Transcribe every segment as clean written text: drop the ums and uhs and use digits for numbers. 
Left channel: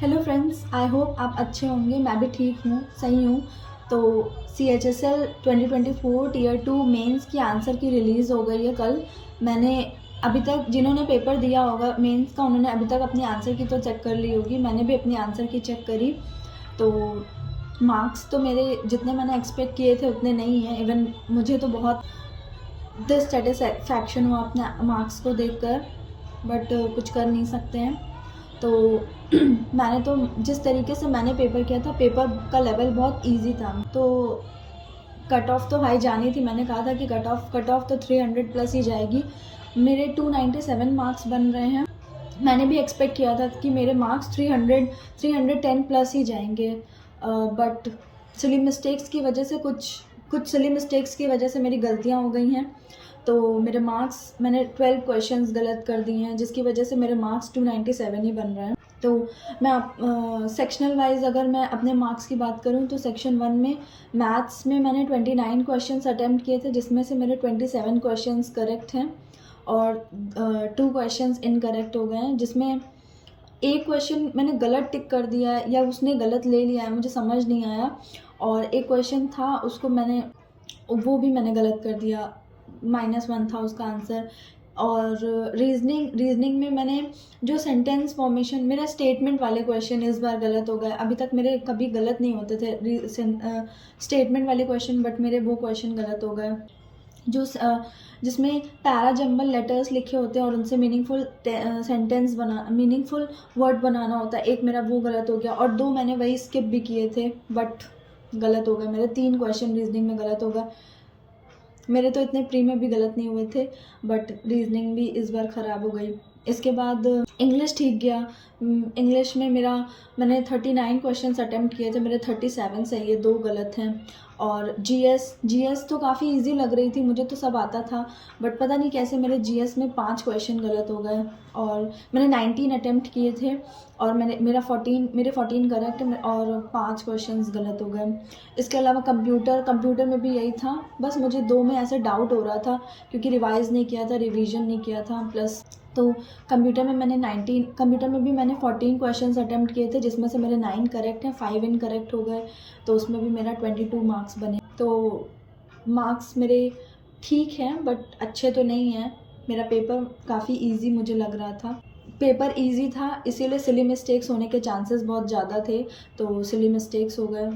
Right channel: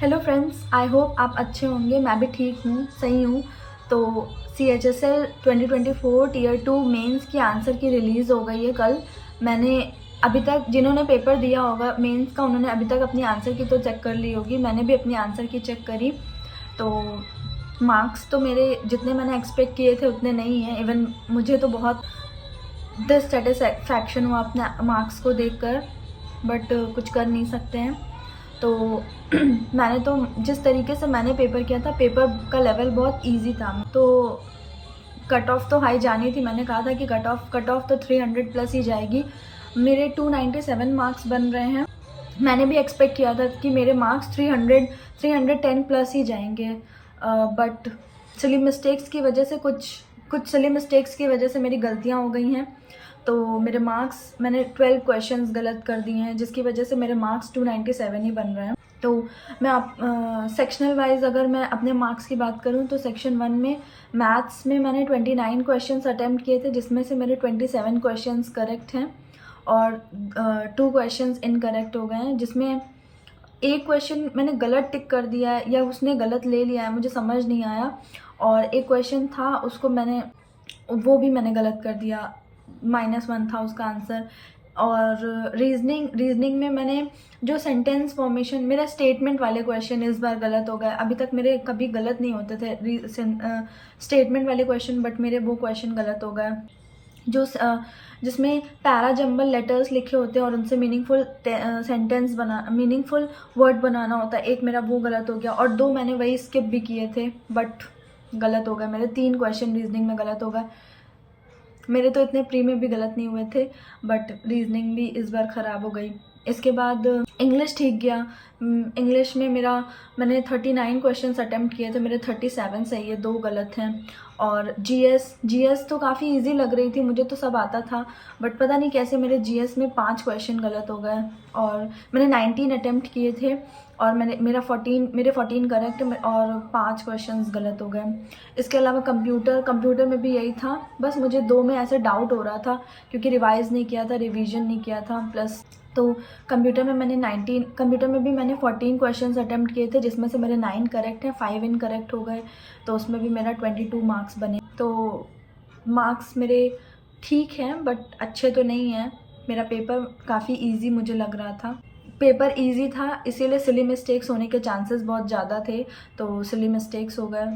Hello friends, I hope आप अच्छे होंगे। मैं भी ठीक हूँ, सही हूँ। तो CHSL 2024 टीयर 2 मेंस की आंसर की रिलीज़ हो गई है कल। मैंने अभी तक जिन्होंने पेपर दिया होगा मेंस का, उन्होंने अभी तक अपनी आंसर की तो चेक कर ली होगी। मैंने भी अपनी आंसर की चेक करी। तो मार्क्स तो मेरे जितने मैंने एक्सपेक्ट किए थे उतने नहीं हैं। इवन मुझे तो बहुत डिससेटिस्फैक्शन हुआ अपने मार्क्स को देखकर, बट कुछ कर नहीं सकते हैं। तो मैंने तो जिस तरीके से मैंने पेपर किया था, पेपर का लेवल बहुत इजी था। तो कट ऑफ तो हाई जानी थी। मैंने कहा था कि कट ऑफ तो 300 प्लस ही जाएगी। मेरे 297 मार्क्स बन रहे हैं। मैंने भी एक्सपेक्ट किया था कि मेरे मार्क्स 310 प्लस ही जाएंगे, बट सिली मिस्टेक्स की वजह से कुछ सिली मिस्टेक्स की वजह से मेरी गलतियाँ हो गई हैं। तो मेरे मार्क्स, मैंने 12 क्वेश्चंस गलत कर दिए हैं, जिसकी वजह से मेरे मार्क्स 297 ही बन रहे हैं। तो मैं आप सेक्शनल वाइज अगर मैं अपने मार्क्स की बात करूं तो सेक्शन 1 में मैथ्स में मैंने 29 क्वेश्चंस अटैम्प्ट किए थे, जिसमें से मेरे 27 क्वेश्चंस करेक्ट हैं और 2 क्वेश्चंस इनकरेक्ट हो गए हैं, जिसमें एक क्वेश्चन मैंने गलत टिक कर दिया है या उसने गलत ले लिया है, मुझे समझ नहीं आया। और एक क्वेश्चन था, उसको वो भी मैंने गलत कर दिया, -1 था उसका आंसर। और रीजनिंग में मैंने जो सेंटेंस फॉर्मेशन, मेरा स्टेटमेंट वाले क्वेश्चन इस बार गलत हो गए। अभी तक मेरे कभी गलत नहीं होते थे स्टेटमेंट वाले क्वेश्चन, बट मेरे वो क्वेश्चन गलत हो गए। जो जिसमें पैरा जंबल लेटर्स लिखे होते हैं और उनसे मीनिंगफुल वर्ड बनाना होता है, एक मेरा वो गलत हो गया। और 2 मैंने वही स्किप भी किए थे, बट गलत हो गए मेरे। 3 क्वेश्चन रीजनिंग में गलत हो गए। मेरे तो इतने प्री में भी गलत नहीं हुए थे, बट रीजनिंग भी इस बार ख़राब हो गई। इसके बाद इंग्लिश ठीक गया। इंग्लिश में मैंने 39 क्वेश्चंस अटेम्प्ट किए थे, मेरे 37 सही है, 2 गलत हैं। और जीएस तो काफ़ी इजी लग रही थी, मुझे तो सब आता था, बट पता नहीं कैसे मेरे जीएस में 5 क्वेश्चन गलत हो गए। और मैंने 19 अटेम्प्ट किए थे और मेरे 14 करेक्ट और 5 क्वेश्चंस गलत हो गए। इसके अलावा कंप्यूटर में भी यही था। बस मुझे 2 में ऐसे डाउट हो रहा था क्योंकि रिवाइज़ नहीं किया था, रिवीजन नहीं किया था। प्लस तो कंप्यूटर में भी मैंने 14 क्वेश्चंस अटेम्प्ट किए थे, जिसमें से मेरे 9 करेक्ट हैं, 5 इनकरेक्ट हो गए। तो उसमें भी मेरा 22 मार्क्स बने। तो मार्क्स मेरे ठीक हैं, बट अच्छे तो नहीं हैं। मेरा पेपर काफ़ी ईजी मुझे लग रहा था। पेपर ईजी था, इसीलिए सिली मिस्टेक्स होने के चांसेस बहुत ज़्यादा थे, तो सिली मिस्टेक्स हो गए।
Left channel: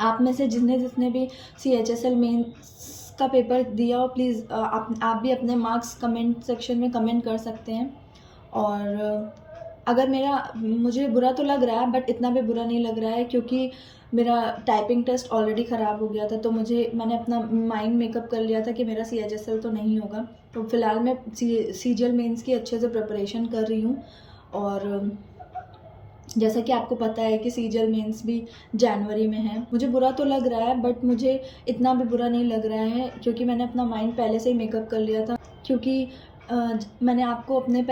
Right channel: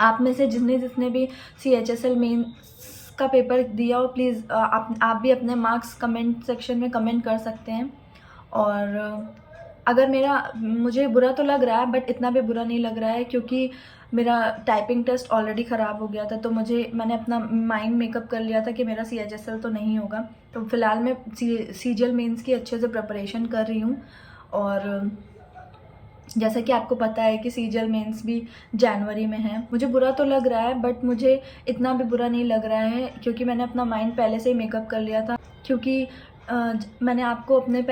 आप में से जिसने भी CHSL मेंस का पेपर दिया हो, प्लीज़ आप भी अपने मार्क्स कमेंट सेक्शन में कमेंट कर सकते हैं। और अगर मुझे बुरा तो लग रहा है, बट इतना भी बुरा नहीं लग रहा है, क्योंकि मेरा टाइपिंग टेस्ट ऑलरेडी ख़राब हो गया था। तो मैंने अपना माइंड मेकअप कर लिया था कि मेरा CHSL तो नहीं होगा। तो फ़िलहाल मैं CGL मेंस की अच्छे से प्रिपरेशन कर रही हूँ। और जैसा कि आपको पता है कि CGL मेंस भी जनवरी में है। मुझे बुरा तो लग रहा है, बट मुझे इतना भी बुरा नहीं लग रहा है, क्योंकि मैंने अपना माइंड पहले से ही मेकअप कर लिया था। क्योंकि मैंने आपको अपने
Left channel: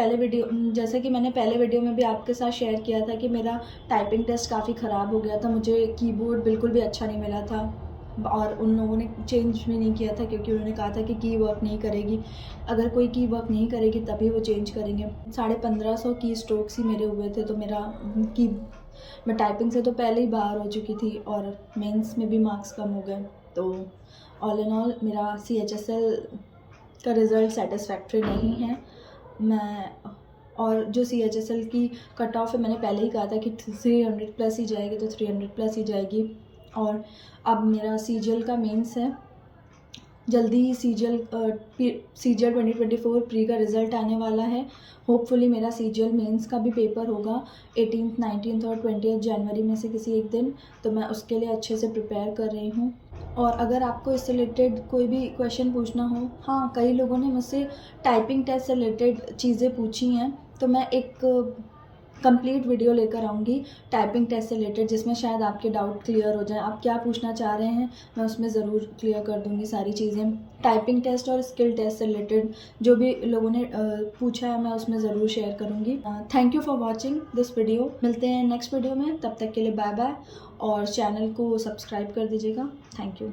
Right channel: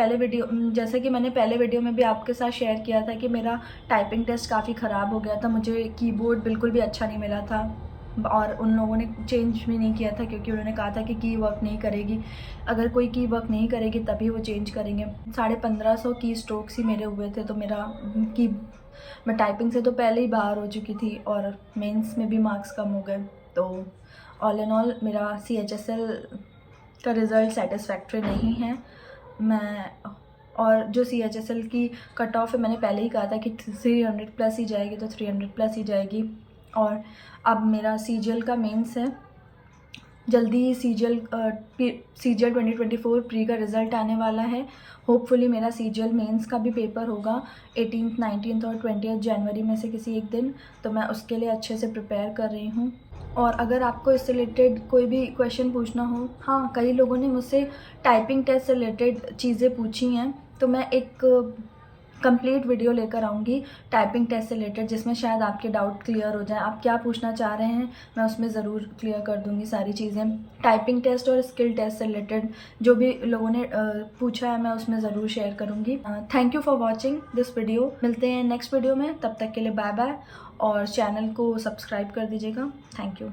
जैसे कि मैंने पहले वीडियो में भी आपके साथ शेयर किया था कि मेरा टाइपिंग टेस्ट काफ़ी ख़राब हो गया था। मुझे कीबोर्ड बिल्कुल भी अच्छा नहीं मिला था और उन लोगों ने चेंज भी नहीं किया था, क्योंकि उन्होंने कहा था कि की वर्क नहीं करेगी। अगर कोई की वर्क नहीं करेगी तभी वो चेंज करेंगे। 1550 की स्ट्रोक्स ही मेरे हुए थे। तो मैं टाइपिंग से तो पहले ही बाहर हो चुकी थी और मेंस में भी मार्क्स कम हो गए। तो ऑल इन ऑल मेरा CHSL का रिज़ल्ट सेटिस्फैक्ट्री नहीं है। और जो CHSL की कट ऑफ है, मैंने पहले ही कहा था कि 300 प्लस ही जाएगी, तो 300 प्लस ही जाएगी। और अब मेरा CGL का मेंस है, जल्दी ही CGL 2024 प्री का रिज़ल्ट आने वाला है। होपफुली मेरा CGL मेंस का भी पेपर होगा 18th, 19th और 20th जनवरी में से किसी एक दिन। तो मैं उसके लिए अच्छे से प्रिपेयर कर रही हूँ। और अगर आपको इससे रिलेटेड कोई भी क्वेश्चन पूछना हो, हाँ, कई लोगों ने मुझसे टाइपिंग टेस्ट से रिलेटेड चीज़ें पूछी हैं, तो मैं एक कंप्लीट वीडियो लेकर आऊँगी टाइपिंग टेस्ट से रिलेटेड, जिसमें शायद आपके डाउट क्लियर हो जाए। आप क्या पूछना चाह रहे हैं, मैं उसमें ज़रूर क्लियर कर दूँगी सारी चीज़ें। टाइपिंग टेस्ट और स्किल टेस्ट से रिलेटेड जो भी लोगों ने पूछा है, मैं उसमें ज़रूर शेयर करूँगी। Thank you for watching this video. मिलते हैं नेक्स्ट वीडियो में, तब तक के लिए बाय बाय। और चैनल को सब्सक्राइब कर दीजिएगा। Thank you.